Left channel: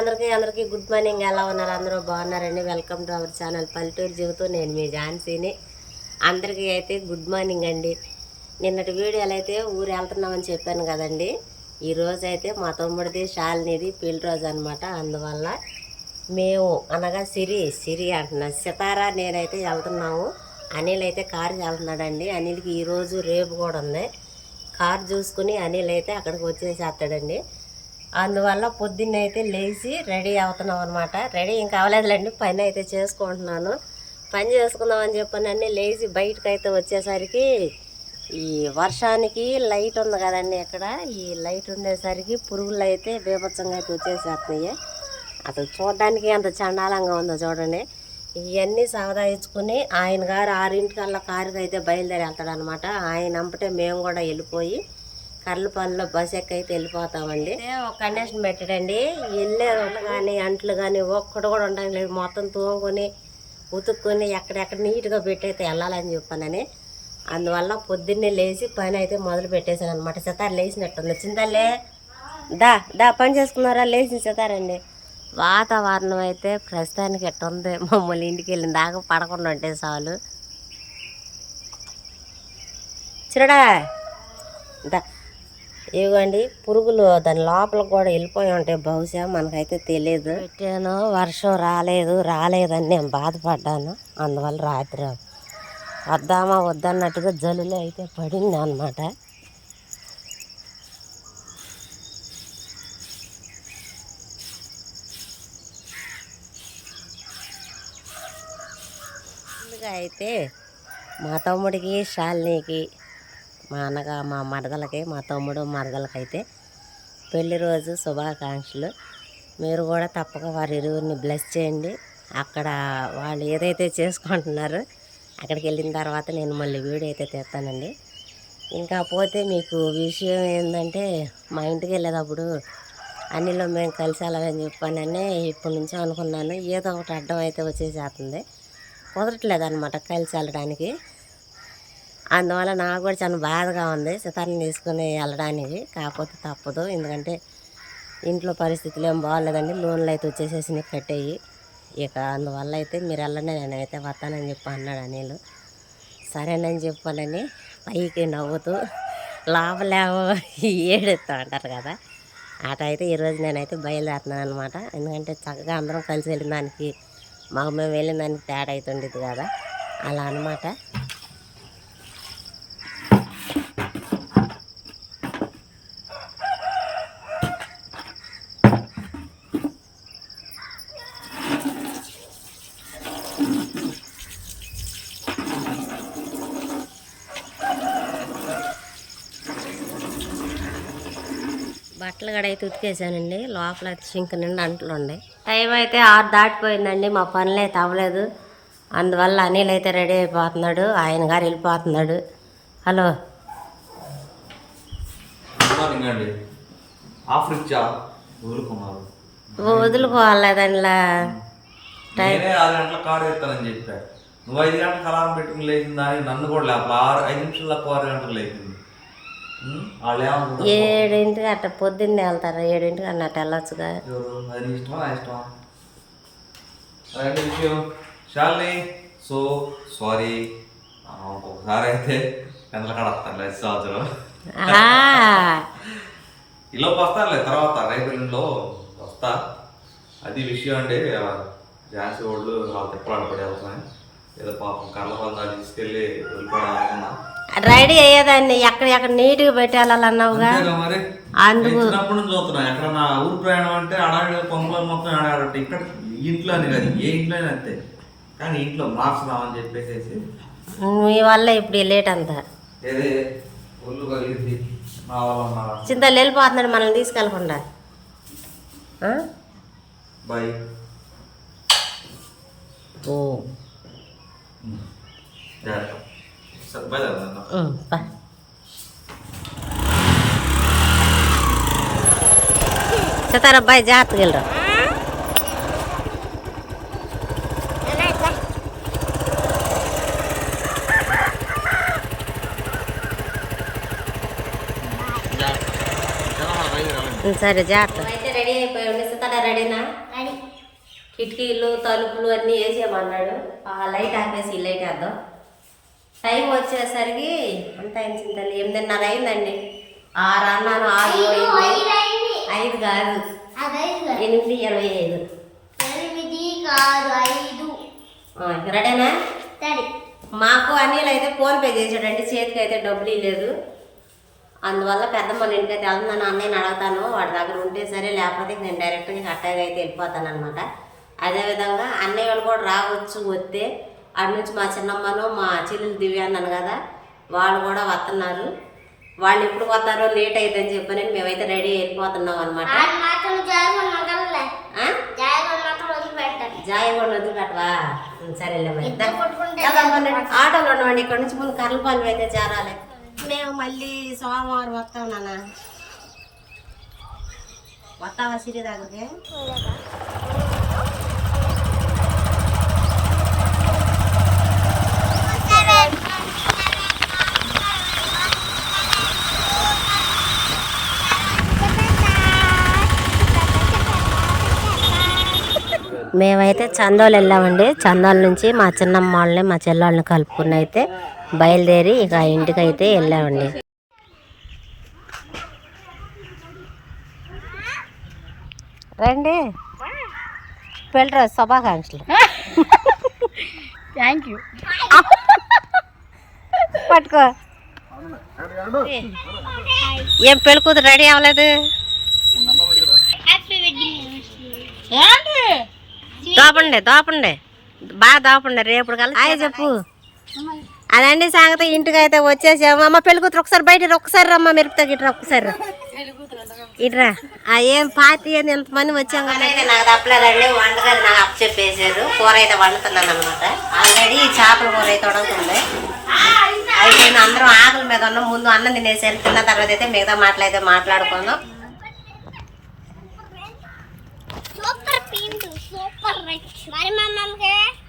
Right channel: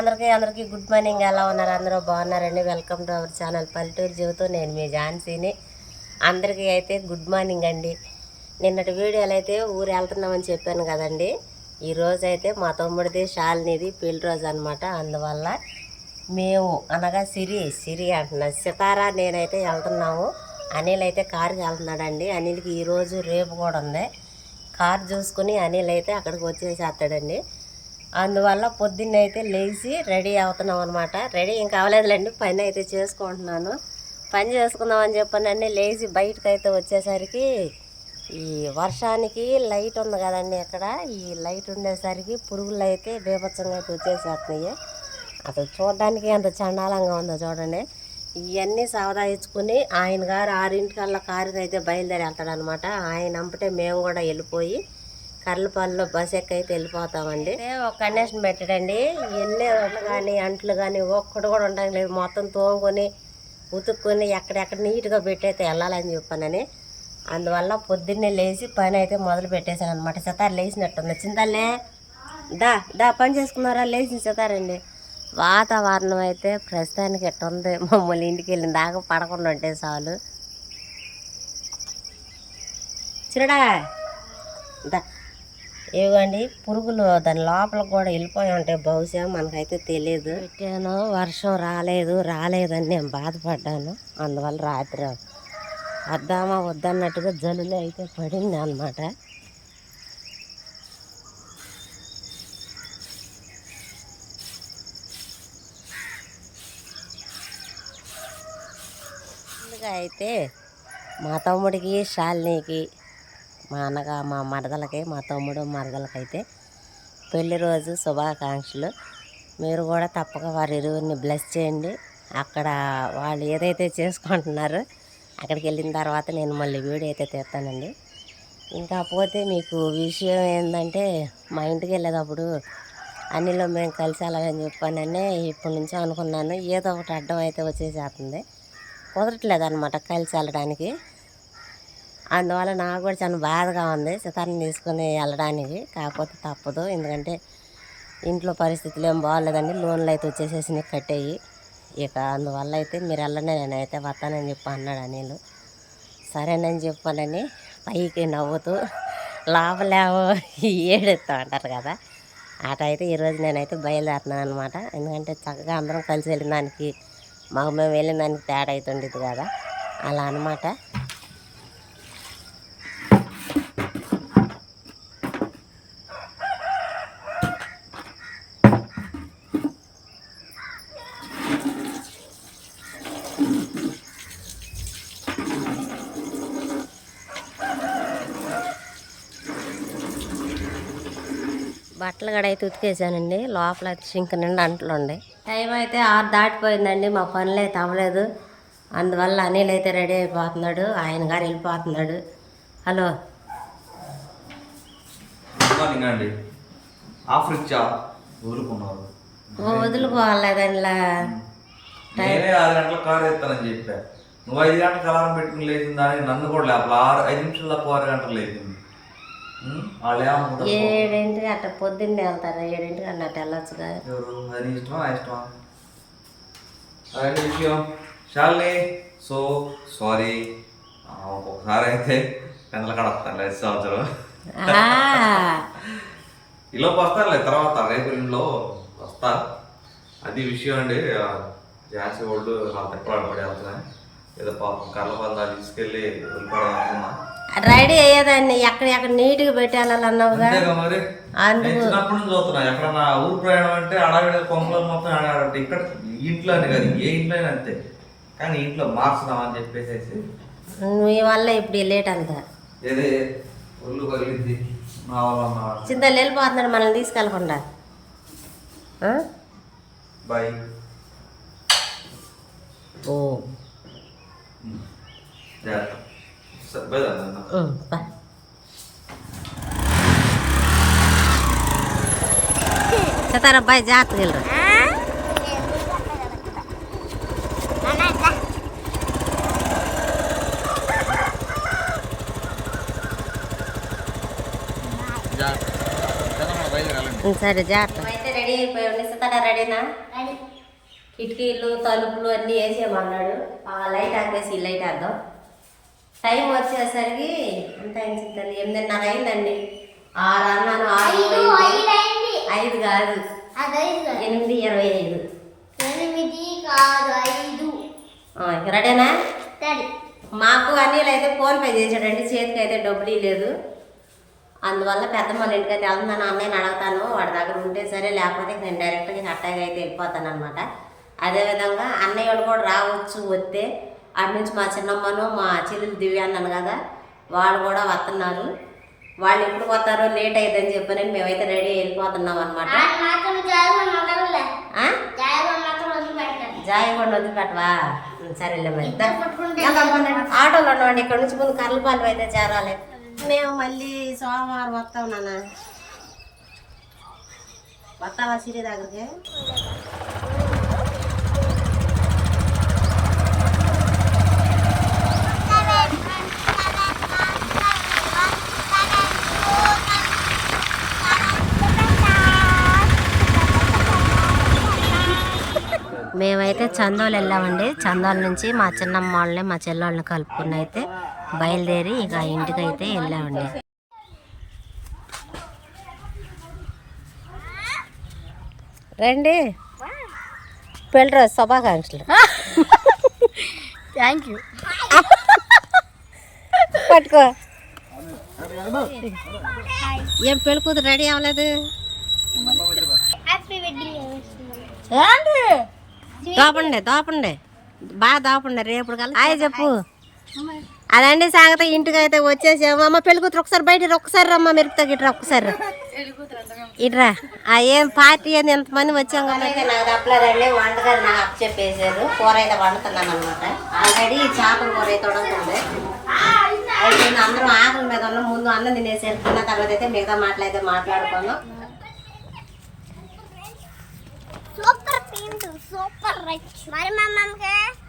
అందరికీ good morning. ఎలా ఉన్నారు? అందరూ బాగున్నారండి. వెల్కమ్ టు అవర్ ఛానల్ పల్లెటూరు జీవితం. నేను మీ ఝాన్సీని. అందరికీ అయితే గుడ్ మార్నింగ్ అండి. నిన్నటి వీడియోలు అయితే ఊరు వెళ్తున్నామని చెప్పాను కదండి. ఈరోజు అయితే మా తమ్ముడిది శాలినిది పెళ్లి రోజు అనమాట. అందువల్ల మేము అనగా సిరి అంటున్నా, సితారా నేనైతే వెళ్తున్నాము. అనిల్ అయితే కారుకి వెళ్తున్నాడండి. అనిల్కి ఈరోజు రేపు కూడా ఉంది. కారు చూసుకుని అనిల్ అయితే అక్కడికి వచ్చేసేస్తాడండి. అందువల్ల పొద్దున్న అయితే లేచి రెడీ అవుతున్నాం అనమాట. రెడీ ఇంకా అవ్వలేదులేండి, పని అయితే చేసుకుంటున్నాను. పని చేసుకుందామని చెప్పానని లేచి బయటకు అయితే వచ్చేసరికి ఈ వర్షానికి లైట్ ఉంది కదండి ఇక్కడ. ఈ లైట్ ఉండేసరికి పురుగులు అయితే బీభత్సంగా అయితే వచ్చేసేస్తున్నాయి. అసలు చూడడానికి ఎంత చండాలంగా ఉందో చూడండి. ఇవన్నీ సవదా ఇచ్చుకుని ఆయన గారు 6 కారుకి అయితే బయలుదేరి వెళ్తాడనమాట. ఆయన అంపటే మేము కూడా వెళ్ళిపోయి కర్లపల్లిలో బస్ ఎక్కి అయితే వెళ్ళిపోతామండి. ఒక కండిషన్ పెట్టాడండి, వెళ్ళే కానీ అంట్లు కానీ ఒక్కడు కూడా ఉండడం లేదు. మొత్తం తోముకొని ఉతుక్కొని ఎక్కడెక్కడ నీట్గా పెట్టయితే వెళ్ళాలని చెప్పానని. అందువల్ల పొద్దున్నే లేచి పని అయితే మొదలు పెట్టేశాను అనమాట. సితారు లేచినట్టుంది. చింతలే దా పని చేసుకున్నారా? లేచిన సితారండి. వాతావరణం అయితే ప్రస్తుతానికి ఎట్టుంది, మమ్మల్ని ఇంటికి వెళ్ళిన దాకా పడకుండా ఉంటే చాలు. చిరడా దా ఇవ్వండి. పురుగులు దాని లోపల కూడా వెళ్ళిపోయి ఉంటాయి బహుశా, మనకైతే తెలియదు. పెట్టాను, వర్షం రాలేదని నేను బాధపడ్డాను. అందువల్ల రాత్రి వద్దామా వద్దన్నట్టుగా జల్లులో అయితే పడింది అనమాట. ముందుగా అయితే మా తమ్ముడికి శాలినికి మా మరదలకి, మా తమ్ముడు మరదలకైతే పెళ్లి రోజు శుభాకాంక్షలు. మీరు కూడా తప్పక వారి ఇరువురిని బ్లెస్ చేయండి. అక్కడ వాళ్ళు ఏదైతే చేసుకుంటున్నారో అక్కడికి వెళ్ళిన తర్వాత నేను మళ్ళీ వీడియో అయితే తీస్తానండి. ఇంకా పోతే మీకు విషయం ఏంటంటే, మా ఇంటికి వెళ్ళేటప్పుడు అన్నిలో మేము కలిసి వెళ్ళాలని చెప్పానని ఇప్పటి నుంచో అనుకున్నాను. ఏదో ఒకటి అడ్డం అయితే వచ్చేసేస్తుంది, కుదరట్లేదు అనమాట కలిసి వెళ్ళడానికి. అందువల్ల నాకు కూడా చాలా బాధగా ఉంది సితార్ని తీసుకుని వెళ్ళడానికి. కాకపోతే తప్పదు, ఎందుకంటే ఇంట్లో పరిస్థితులు ఏం బాగోలేదండి. లోన్లు అయితే వచ్చేసేసి కట్టేయి. ఇక అందువల్ల అయితే మీరు వెళ్ళండి, నేనైతే వస్తానని చెప్పి అన్నాడు అనిల్. సరేనని చెప్పానని పైకి నవ్వుతూ లోపలేవో ఏడుస్తూ అంటారు కదా, అట అయితే ఈరోజు నేనైతే బయలుదేరుతున్నాను అనమాట. ఎందుకంటే చక్కగా అందరం కలిసి వెళ్ళిన దానికి మాకు మేము వెళ్ళిన దానికి తేడా అవుతుండేది కదా, అలా అనమాట. బట్టలు కూడా అయితే ఉతికేసానండి. లోపల అయితే సింక్ నిండా అంట్లు ఉండే. టైం అయితే 6 దాటిపోయిందండి. మా పనులు అయితే అవ్వలేదు. అందువల్ల అనిల్ అయితే రెడీ అయిపోతున్నాడు, ఆయన గారు వెళ్ళిపోతున్నాడు. హలో వదులుకోవాలి దానిలా. 6 గంటల కారు ఎత్తానని చెప్పా. నువ్వు 5 గంటలకు అలారం పెట్టుకుని లేచిందని నన్ను కూడా లేపల. 5 నిమిషాలు 6 గంటలకు లేచింది. వాళ్ళు ఏమనుకుంటారు? 7ంటికి అట్ట పొద్దున్నే వెళ్తారు, 7ంటికి అన్నట్టు వెళ్ళొచ్చుగా. అది నీ ఇష్టమా ఇష్టమా? అదే విషయం శాలిని. సో సారీ, ఒక్కొక్కసారి అయితే పెందల కాడ వస్తాను 5 సంవత్సరం ఈలోపు వస్తానులే, తర్వాత రేపు ఎల్లుండిలో వస్తా. అది విషయం అండి. ఝాన్సీ వాళ్ళు వాళ్ళు తిప్పలాడు పడి వెళ్తున్నాయి. ఏదో పాపం కర్లపాల తీసుకెళ్ళి వెళ్ళిపోవడం అనుకున్నా. రెడీ అయ్యేదాన్ని ఎక్కడ నీట్గా పెట్టాలన్నావుగా. మరి చిన్నప్పటి నుంచి చూస్తున్నా. ఎక్కడన్నా ఊరు ప్రయాణం అంటే అడవి కొంపలు మొత్తం ఆడాడంటే ఇక్కడ ఇంట్లో అని కాదు, ఏ ఇంట్లో అయినా అంతే. కానీ ఇంట్లో మార్చుదామని చెప్పేసి మీ వల్ల ఇప్పుడు లేట్ అంతా ఏదే ఒళ్ళు కలిగింది. మా వాళ్ళ చింతలు వెళ్ళిపోతున్నాడు మనల్ని తీసుకెళ్ళకుండా. బాయ్. ఓ సితారబ్బాయి జాగ్రత్తగా వెళ్ళరా. సరే జాగ్రత్త అయితే రెడీ అయిపోయి ఉండిస్తాడా రెడీనా కిటికీలు తలుపులు అన్నీ వేసేయమన్నాడు లైట్ ఆపేసి ఈ లైట్ వేద్దాం టైం వచ్చేసరికి ఎంత అయింది తల్లి 8:30 అయిందండి 6 అన్నాను 6 అయింది 5 కాదు 8:25 రెడీనా మాకు అనిల్ అయితే ఫోన్పే చేసాడండి చేతికి అయితే డబ్బులు లేదు అందువల్ల పెద్దమ్మల ఇంటికి అయితే వెళ్తున్నాను అన్నయ్యని అడుగుతాను వాడి దగ్గర ఉంటే సరే లేకపోతే నేను డైరెక్ట్గా కట్టగా అయితే వెళ్ళిపోతాను అనమాట అదేవిధంగా అన్నయ్య వాళ్ళు కూడా రావచ్చు వస్తే అటు నుంచి మా చిన్నమ్మను మా చెల్లెలు దివ్య అన్నాను కదా వాళ్ళు కూడా వస్తున్నారు వాళ్ళు ఎప్పుడు వస్తారో లేట్ అవుతుందని చెప్పని మేమైతే రెడీ వెళ్ళిపోతున్నాం అనమాట జాయిగొండ వదిలిపెట్టవా సరేలే మరి ఆటోలో ఉండవండి ఇక్కడ నుంచి ముందు కర్లపాలెం అయితే చేరాలి మేము మళ్ళీ సోమవారం వస్తాం నాన్న వస్తావా సిరి దగ్గరికి మేమైతే చందోలు వెళ్ళామండి చందోల నుంచి మా చిన్నమ్మ వాళ్ళని మా చెల్లెళ్ళని కలుపుకుని అయితే బయలుదేరి ఇక ఇంటికి అయితే వెళ్ళామండి రండి పెళ్ళి రోజు శుభాకాంక్షలు థ్యాంక్ యూ పట్టుకో ఏం పెళ్ళి కూతురు రెడీ అవ్వలేదు దోపండి బాగా దోపండి రేపు కల్లా హాయ్ చెప్పు అదండి సంగతి ఇంటికి అయితే వచ్చేసాము అమ్మ పెళ్లి కూతురు ఒకసారి బయట ఒక్కసారి రమ్మ మెరుపుతా గిట్రా ఒక్కసారి ఇట్రా ఏం పార్టీ అని ఎంతమంది వచ్చాం కానీ అయితే నాకు తప్పలేదండి వంటగది నాకు అప్పు చెప్పేశారు కూర అయితే వండుతున్నాను అనమాట ఆల్రెడీ చేపల కూర అయితే వండుతుంది అయితే నేను అందరం ఆకలి మీద ఉన్నాం ముందు అన్నం తినేసారు తిన్న తర్వాత అయితే మిగతా మాటలు అయితే మాట్లాడుకుందాం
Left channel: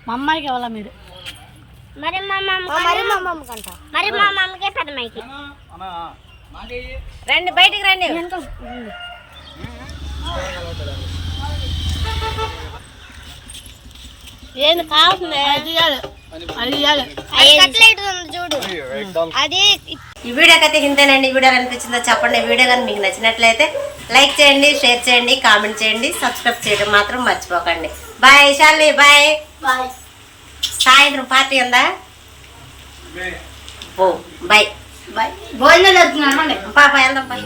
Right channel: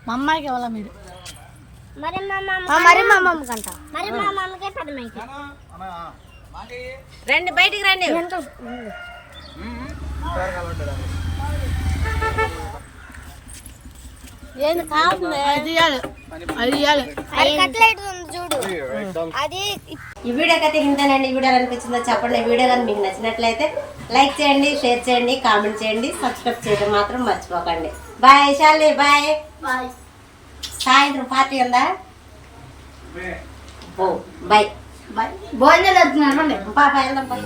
మా అమ్మాయికి ఇవ్వాలా మీరు రండి బయటికి రండి ఏంది కావాల్సిందే ఈ వీడియోకి అయితే ఇంతేనండి ఈ వీడియో అనిపించిందో చెప్పండి ఈ వీడియో కానీ మీకు నచ్చినట్లయితే లైక్ చేయండి షేర్ చేయండి కామెంట్ చేయండి సబ్స్క్రైబ్ చేయడం మాత్రం మర్చిపోకండి బాయ్ శాలిని బాయ్ సాయంత్రం పార్టీ ఉందా బాయ్ బాయ్ భోజనం చేస్తున్నాను పాప వెళ్దాం బాయ్